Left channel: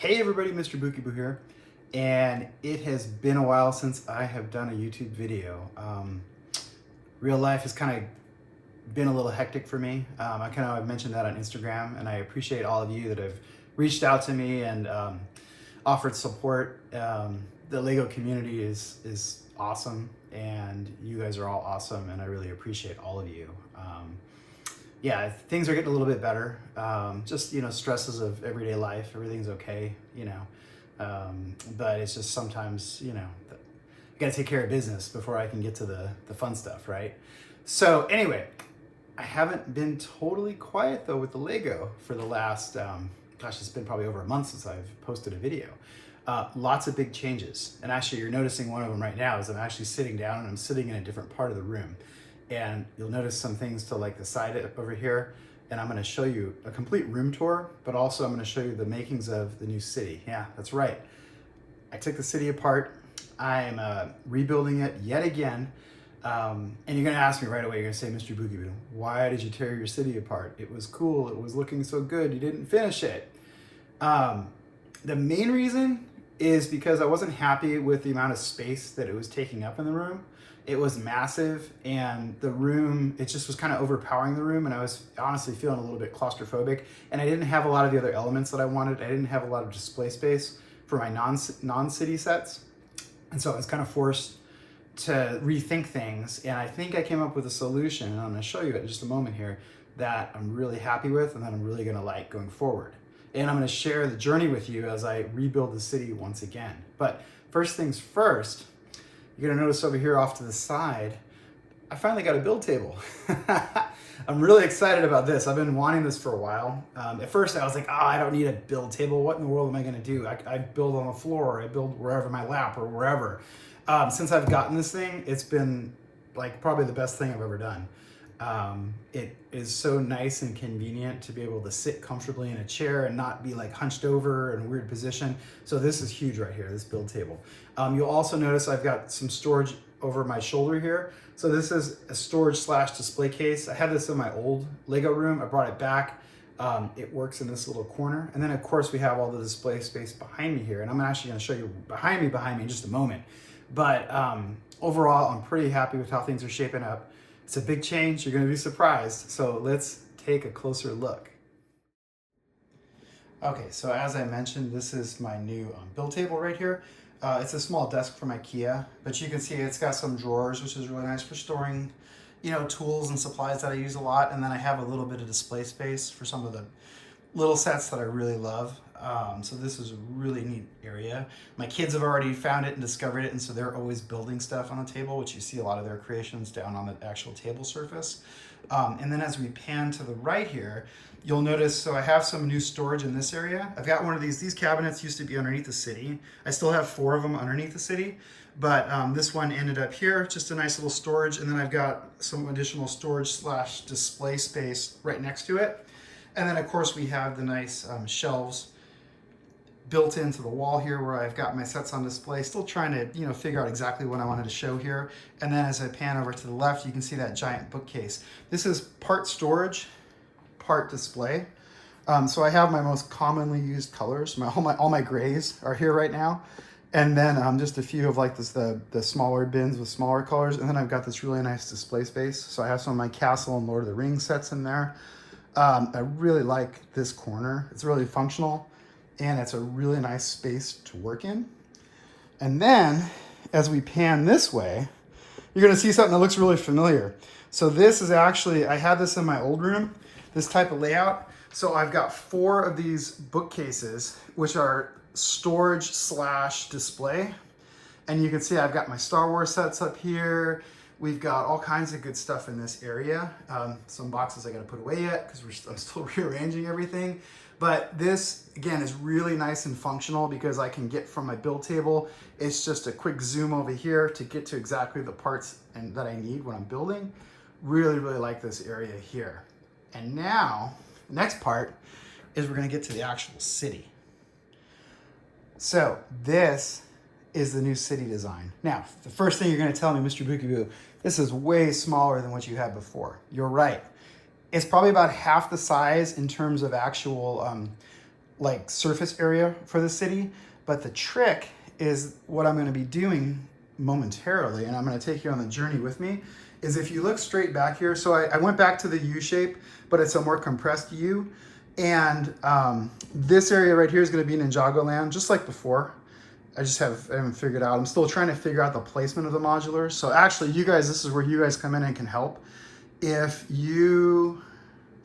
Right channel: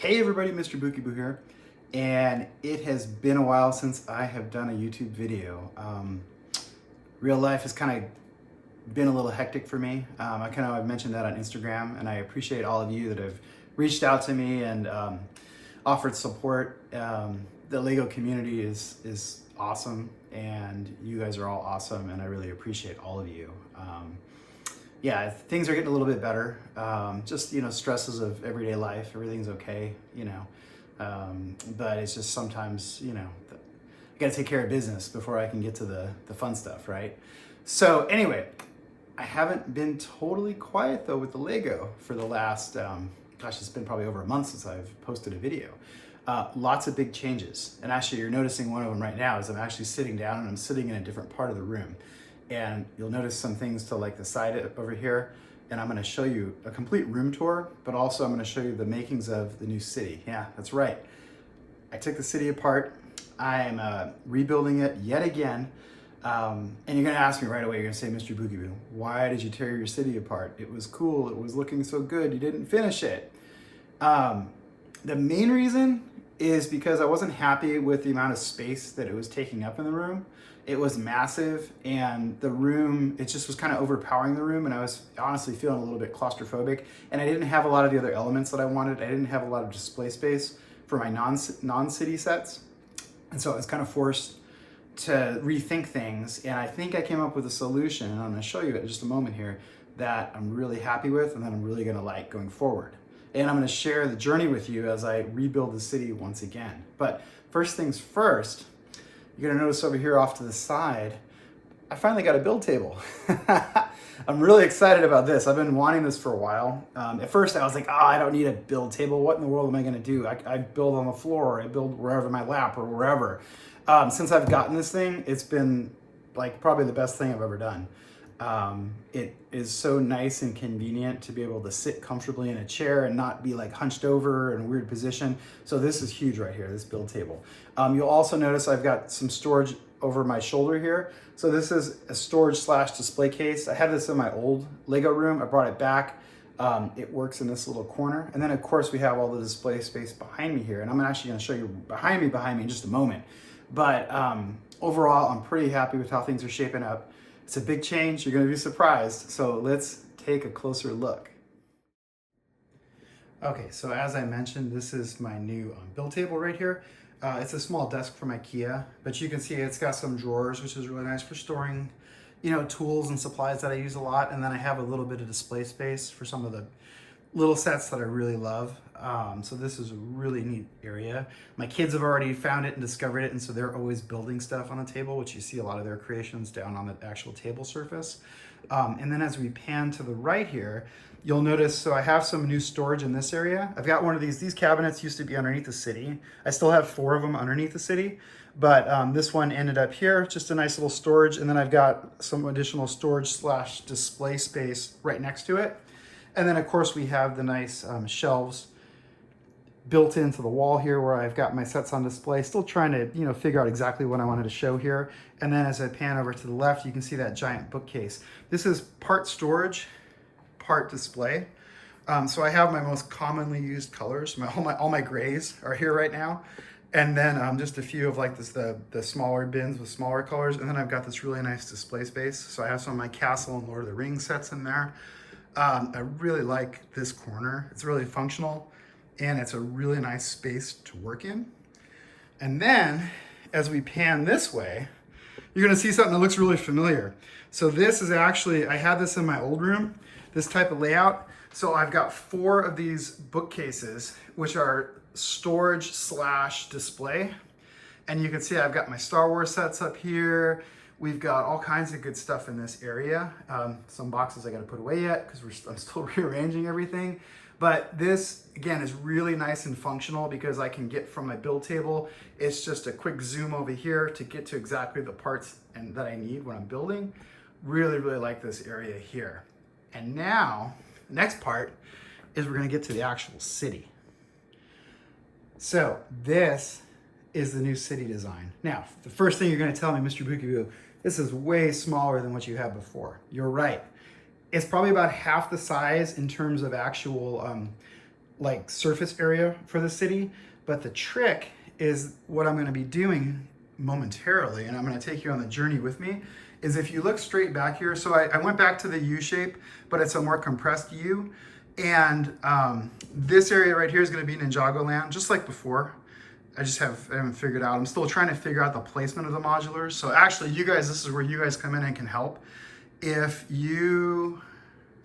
Hey everybody, MrBookieboo here, and it has been a while since I have done a YouTube video. Real life has kind of been a little hectic for me. I've mentioned that on Instagram, and I appreciate all of you that have reached out to me and offered support. The Lego community is awesome, and you guys are all awesome, and I really appreciate all of you. Yeah, things are getting a little bit better. Just, stresses of everyday life, everything's okay, but it's just sometimes, I gotta take care of business before I can get to the fun stuff, right? So anyway, I haven't been totally quiet though with the Lego for the last, it's been probably over a month since I've posted a video. Lots of big changes. And actually you're noticing one of them right now is I'm actually sitting down and I'm sitting in a different part of the room. And you'll notice some things to like the side over here. And I'm gonna show you a complete room tour, but also I'm gonna show you the makings of the new city. Yeah, that's right. I took the city apart. I'm rebuilding it yet again. And you're gonna ask me right away, you're gonna say, MrBookieboo, why did you tear your city apart? It was cool, it was looking so good, you didn't finish it. The main reason is because I wasn't happy with the amount of space that it was taking up in the room. It was massive, and the room, it just was kind of overpowering the room, and I was honestly feeling a little bit claustrophobic, and I didn't have a lot of the other elements that I wanted. I didn't have a lot of display space for my non-city sets, and so I was kind of forced to rethink things, and I think I came up with a solution, and I'm going to show you it in just a moment here, that I'm really happy with and that I'm really going to like going forward. And I'm going to share the journey with you as I rebuild the city once again. But first things first, you're gonna notice over here off to the side, I finally got a build table. I'm really excited about this. I've been wanting this for a while. At first I was like, I don't need a build table. What in the world am I gonna do? I build on the floor, I build wherever, my lap or wherever. Since I've gotten this thing, it's been like probably the best thing I've ever done. It is so nice and convenient to be able to sit comfortably in a chair and not be like hunched over in a weird position. So this is huge right here, this build table. You'll also notice I've got some storage over my shoulder here. So this is a storage / display case. I had this in my old Lego room. I brought it back. It works in this little corner. And then of course we have all the display space behind me here. And I'm actually gonna show you behind me in just a moment. But overall, I'm pretty happy with how things are shaping up. It's a big change, you're gonna be surprised. So let's take a closer look. Okay, so as I mentioned, this is my new build table right here. It's a small desk from IKEA, but you can see it's got some drawers, which is really nice for storing, tools and supplies that I use a lot. And then I have a little bit of display space for some of the little sets that I really love. So this is a really neat area. My kids have already found it and discovered it, and so they're always building stuff on a table, which you see a lot of their creations down on the actual table surface. And then as we pan to the right here, you'll notice, so I have some new storage in this area. I've got one of these cabinets used to be underneath the city. I still have 4 of them underneath the city, but this one ended up here, just a nice little storage. And then I've got some additional storage / display space right next to it. And then of course we have the nice shelves built into the wall here where I've got my sets on display. Still trying to, figure out exactly what I wanted to show here. And then as I pan over to the left, you can see that giant bookcase. This is part storage, part display. So I have my most commonly used colors. All my grays are here right now. And then just a few of like the smaller bins with smaller colors. And then I've got this really nice display space. So I have some of my Castle and Lord of the Rings sets in there. I really like this corner. It's really functional and it's a really nice space to work in. And then as we pan this way, you're gonna see something that looks really familiar. So this is actually, I had this in my old room, this type of layout. So I've got 4 of these bookcases, which are storage / display. And you can see I've got my Star Wars sets up here. We've got all kinds of good stuff in this area. Some boxes I gotta put away yet because I'm still rearranging everything. But this, again, is really nice and functional because I can get from my build table. It's just a quick zoom over here to get to exactly the parts that I need when I'm building. Really, really like this area here. And now, the next part is we're gonna get to the actual city. So this is the new city design. Now, the first thing you're gonna tell me, MrBookieboo, this is way smaller than what you had before. You're right. It's probably about half the size in terms of actual like surface area for the city. But the trick is what I'm going to be doing momentarily, and I'm going to take you on the journey with me, is if you look straight back here. So I went back to the U shape, but it's a more compressed U. And this area right here is going to be Ninjago Land, just like before. I haven't figured out. I'm still trying to figure out the placement of the modulars. So actually, you guys, this is where you guys come in and can help. If you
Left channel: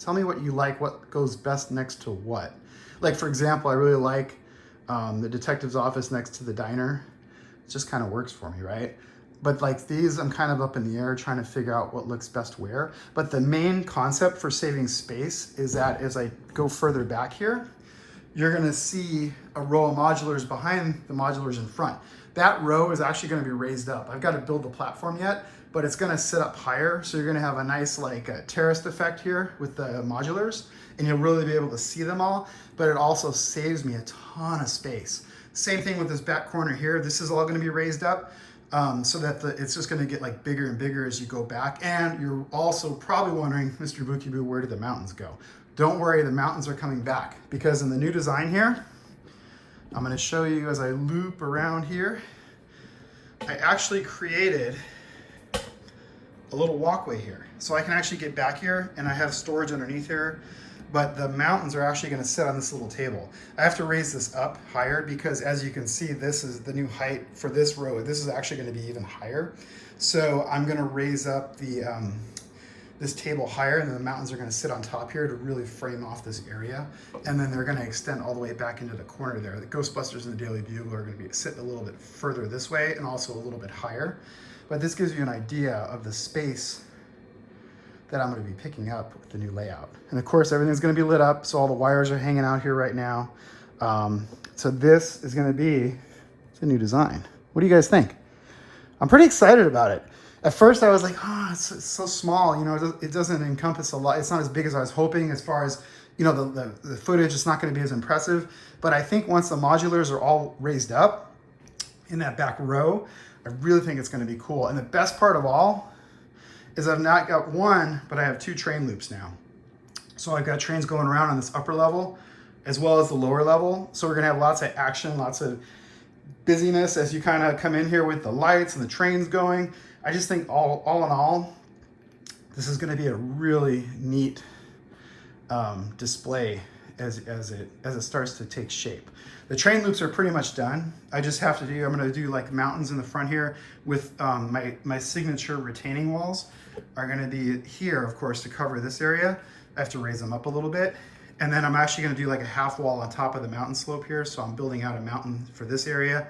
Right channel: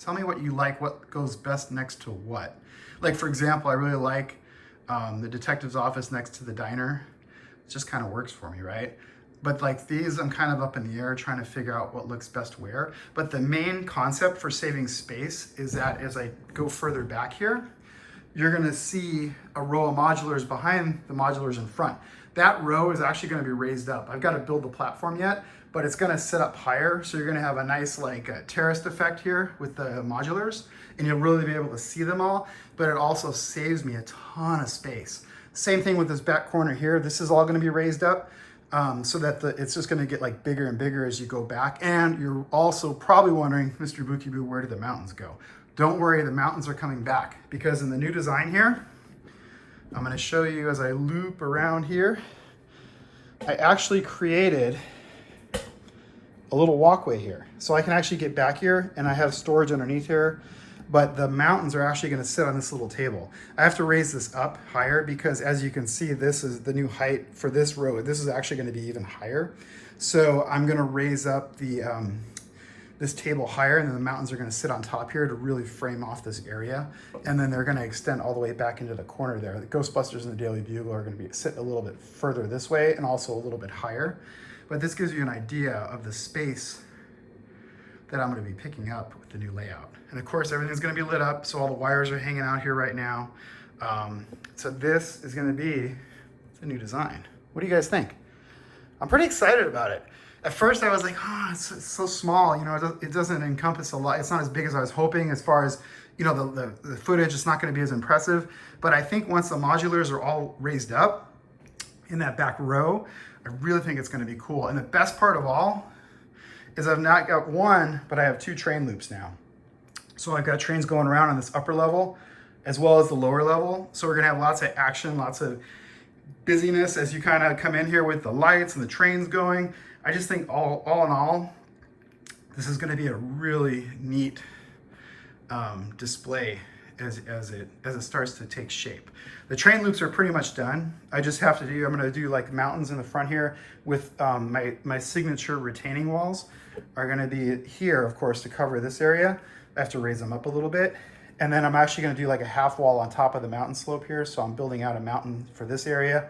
tell me what you like, what goes best next to what. Like, for example, I really like the detective's office next to the diner. It just kind of works for me, right? But like these, I'm kind of up in the air trying to figure out what looks best where. But the main concept for saving space is that as I go further back here, you're gonna see a row of modulars behind the modulars in front. That row is actually gonna be raised up. I've got to build the platform yet, but it's gonna sit up higher. So you're gonna have a nice like terraced effect here with the modulars, and you'll really be able to see them all, but it also saves me a ton of space. Same thing with this back corner here. This is all gonna be raised up. So that it's just gonna get like bigger and bigger as you go back. And you're also probably wondering, MrBookieboo, where did the mountains go? Don't worry, the mountains are coming back, because in the new design here, I'm gonna show you as I loop around here, I actually created a little walkway here. So I can actually get back here, and I have storage underneath here, but the mountains are actually gonna sit on this little table. I have to raise this up higher because, as you can see, this is the new height for this row. This is actually gonna be even higher. So I'm gonna raise up the this table higher, and then the mountains are gonna sit on top here to really frame off this area. And then they're gonna extend all the way back into the corner there. The Ghostbusters and the Daily Bugle are gonna be sitting a little bit further this way and also a little bit higher. But this gives you an idea of the space that I'm gonna be picking up with the new layout. And of course, everything's gonna be lit up, so all the wires are hanging out here right now. So this is gonna be the new design. What do you guys think? I'm pretty excited about it. At first I was like, oh, it's so small, you know, it doesn't encompass a lot. It's not as big as I was hoping as far as, you know, the footage. It's not gonna be as impressive. But I think once the modulars are all raised up in that back row, I really think it's gonna be cool. And the best part of all is I've not got one, but I have two train loops now. So I've got trains going around on this upper level as well as the lower level. So we're gonna have lots of action, lots of busyness as you kind of come in here with the lights and the trains going. I just think all in all, this is gonna be a really neat display as it starts to take shape. The train loops are pretty much done. I just have to I'm gonna do like mountains in the front here with my signature retaining walls are gonna be here, of course, to cover this area. I have to raise them up a little bit. And then I'm actually gonna do like a half wall on top of the mountain slope here. So I'm building out a mountain for this area.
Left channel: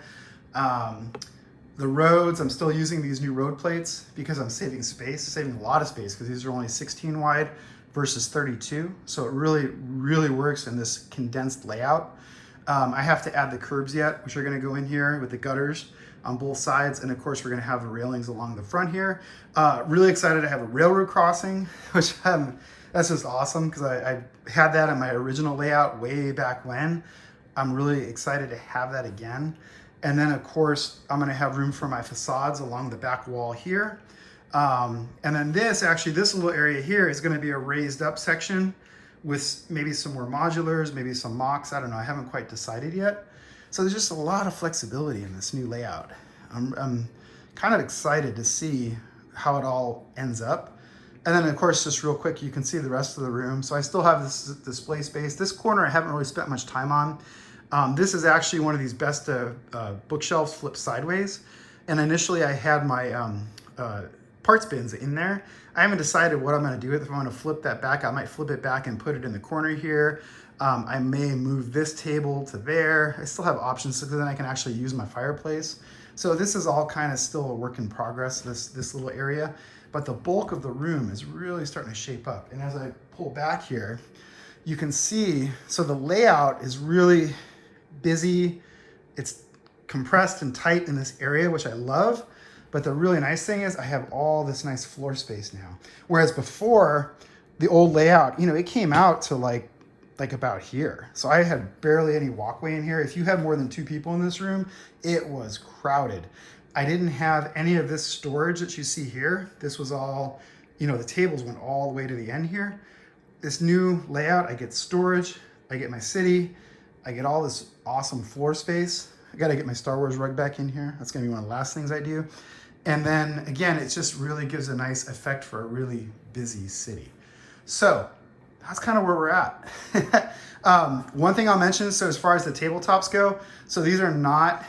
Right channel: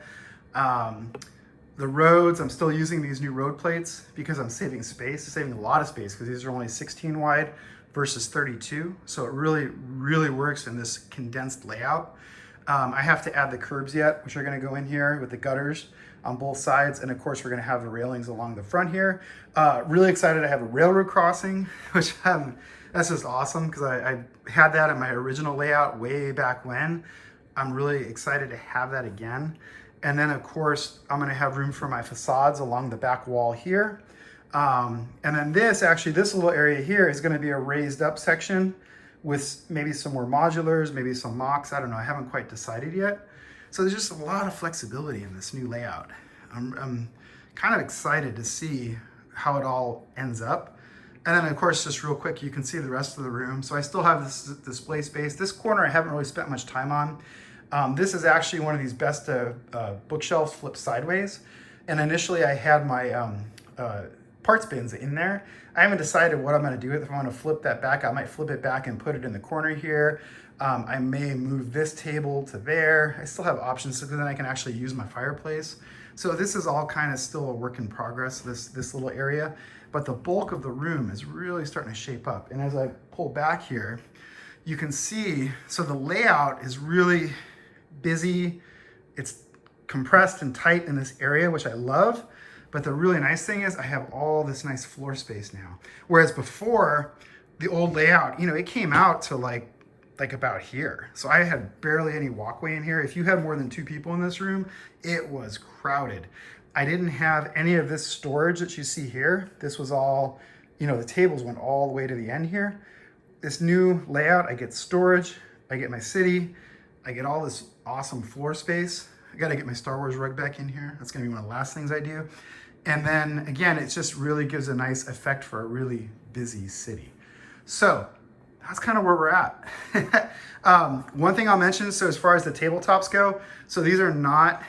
The roads, I'm still using these new road plates because I'm saving space, saving a lot of space, because these are only 16 wide versus 32. So it really works in this condensed layout. I have to add the curbs yet, which are gonna go in here with the gutters on both sides. And of course, we're gonna have the railings along the front here. Really excited to have a railroad crossing, which that's just awesome, because I had that in my original layout way back when. I'm really excited to have that again. And then of course, I'm gonna have room for my facades along the back wall here. And then this little area here is gonna be a raised up section with maybe some more modulars, maybe some mocks. I don't know, I haven't quite decided yet. So there's just a lot of flexibility in this new layout. I'm kind of excited to see how it all ends up. And then of course, just real quick, you can see the rest of the room. So I still have this display space. This corner I haven't really spent much time on. This is actually one of these best bookshelves flipped sideways. And initially I had my parts bins in there. I haven't decided what I'm gonna do with it. If I'm gonna flip that back, I might flip it back and put it in the corner here. I may move this table to there. I still have options, so then I can actually use my fireplace. So this is all kind of still a work in progress, this little area. But the bulk of the room is really starting to shape up. And as I pull back here, you can see, so the layout is really busy. It's compressed and tight in this area, which I love. But the really nice thing is I have all this nice floor space now. Whereas before, the old layout, you know, it came out to like about here. So I had barely any walkway in here. If you had more than 2 people in this room, it was crowded. I didn't have any of this storage that you see here. This was all, you know, the tables went all the way to the end here. This new layout, I get storage, I get my city, I get all this awesome floor space. I gotta get my Star Wars rug back in here. That's gonna be one of the last things I do. And then again, it just really gives a nice effect for a really busy city. So that's kind of where we're at. One thing I'll mention, so as far as the tabletops go, so these are not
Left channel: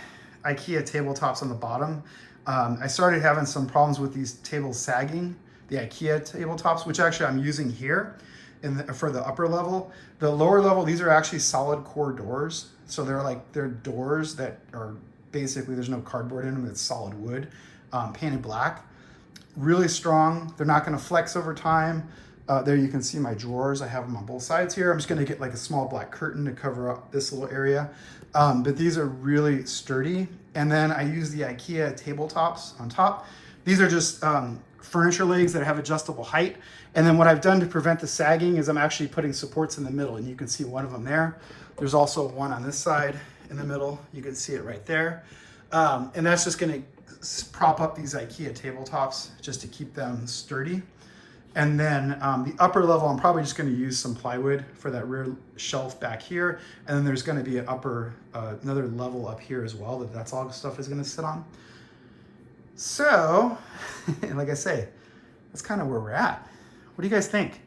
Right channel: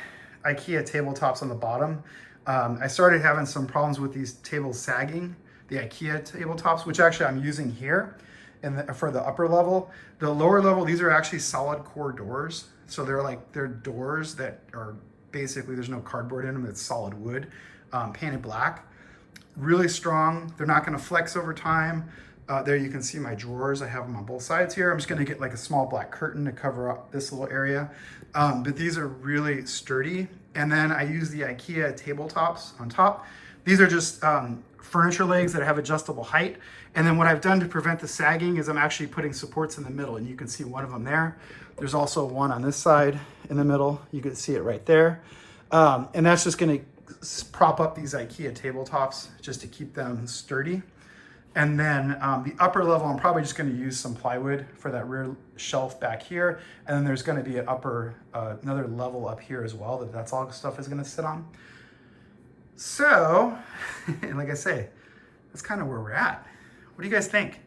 IKEA tabletops on the bottom. I started having some problems with these tables sagging, the IKEA tabletops, which actually I'm using here for the upper level. The lower level, these are actually solid core doors. So they're doors that are basically, there's no cardboard in them, it's solid wood, painted black. Really strong, they're not gonna flex over time. There you can see my drawers, I have them on both sides here. I'm just gonna get like a small black curtain to cover up this little area. But these are really sturdy. And then I use the IKEA tabletops on top. These are just furniture legs that have adjustable height. And then what I've done to prevent the sagging is I'm actually putting supports in the middle, and you can see one of them there. There's also one on this side in the middle. You can see it right there. And that's just gonna prop up these IKEA tabletops just to keep them sturdy. And then the upper level, I'm probably just gonna use some plywood for that rear shelf back here. And then there's gonna be an another level up here as well that's all the stuff is gonna sit on. So, like I say, that's kind of where we're at. What do you guys think?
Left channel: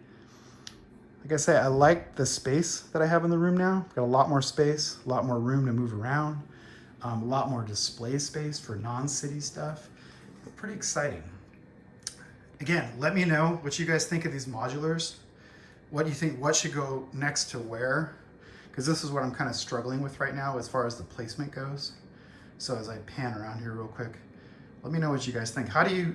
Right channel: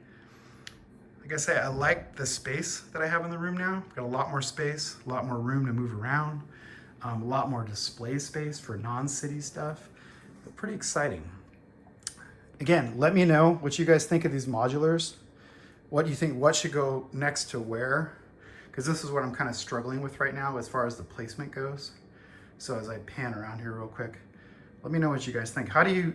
Like I say, I like the space that I have in the room now. I've got a lot more space, a lot more room to move around, a lot more display space for non-city stuff. Pretty exciting. Again, let me know what you guys think of these modulars. What do you think, what should go next to where? Because this is what I'm kind of struggling with right now as far as the placement goes. So as I pan around here real quick, let me know what you guys think. How do you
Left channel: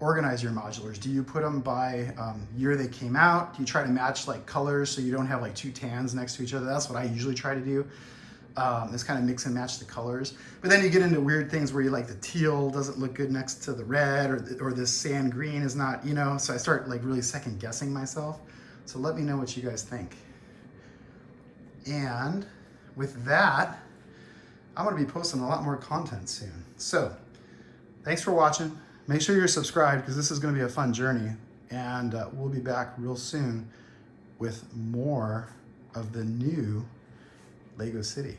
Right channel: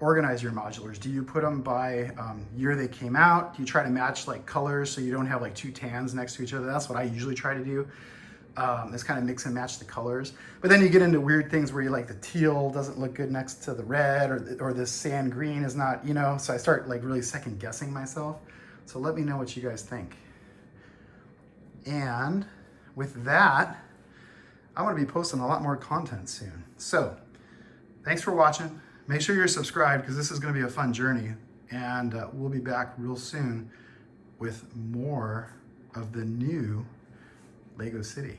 organize your modulars? Do you put them by year they came out? Do you try to match like colors so you don't have like two tans next to each other? That's what I usually try to do. Is kind of mix and match the colors. But then you get into weird things where you like the teal doesn't look good next to the red, or this sand green is not, you know, so I start like really second guessing myself. So let me know what you guys think. And with that, I'm gonna be posting a lot more content soon. So thanks for watching. Make sure you're subscribed because this is gonna be a fun journey, and we'll be back real soon with more of the new Lego City.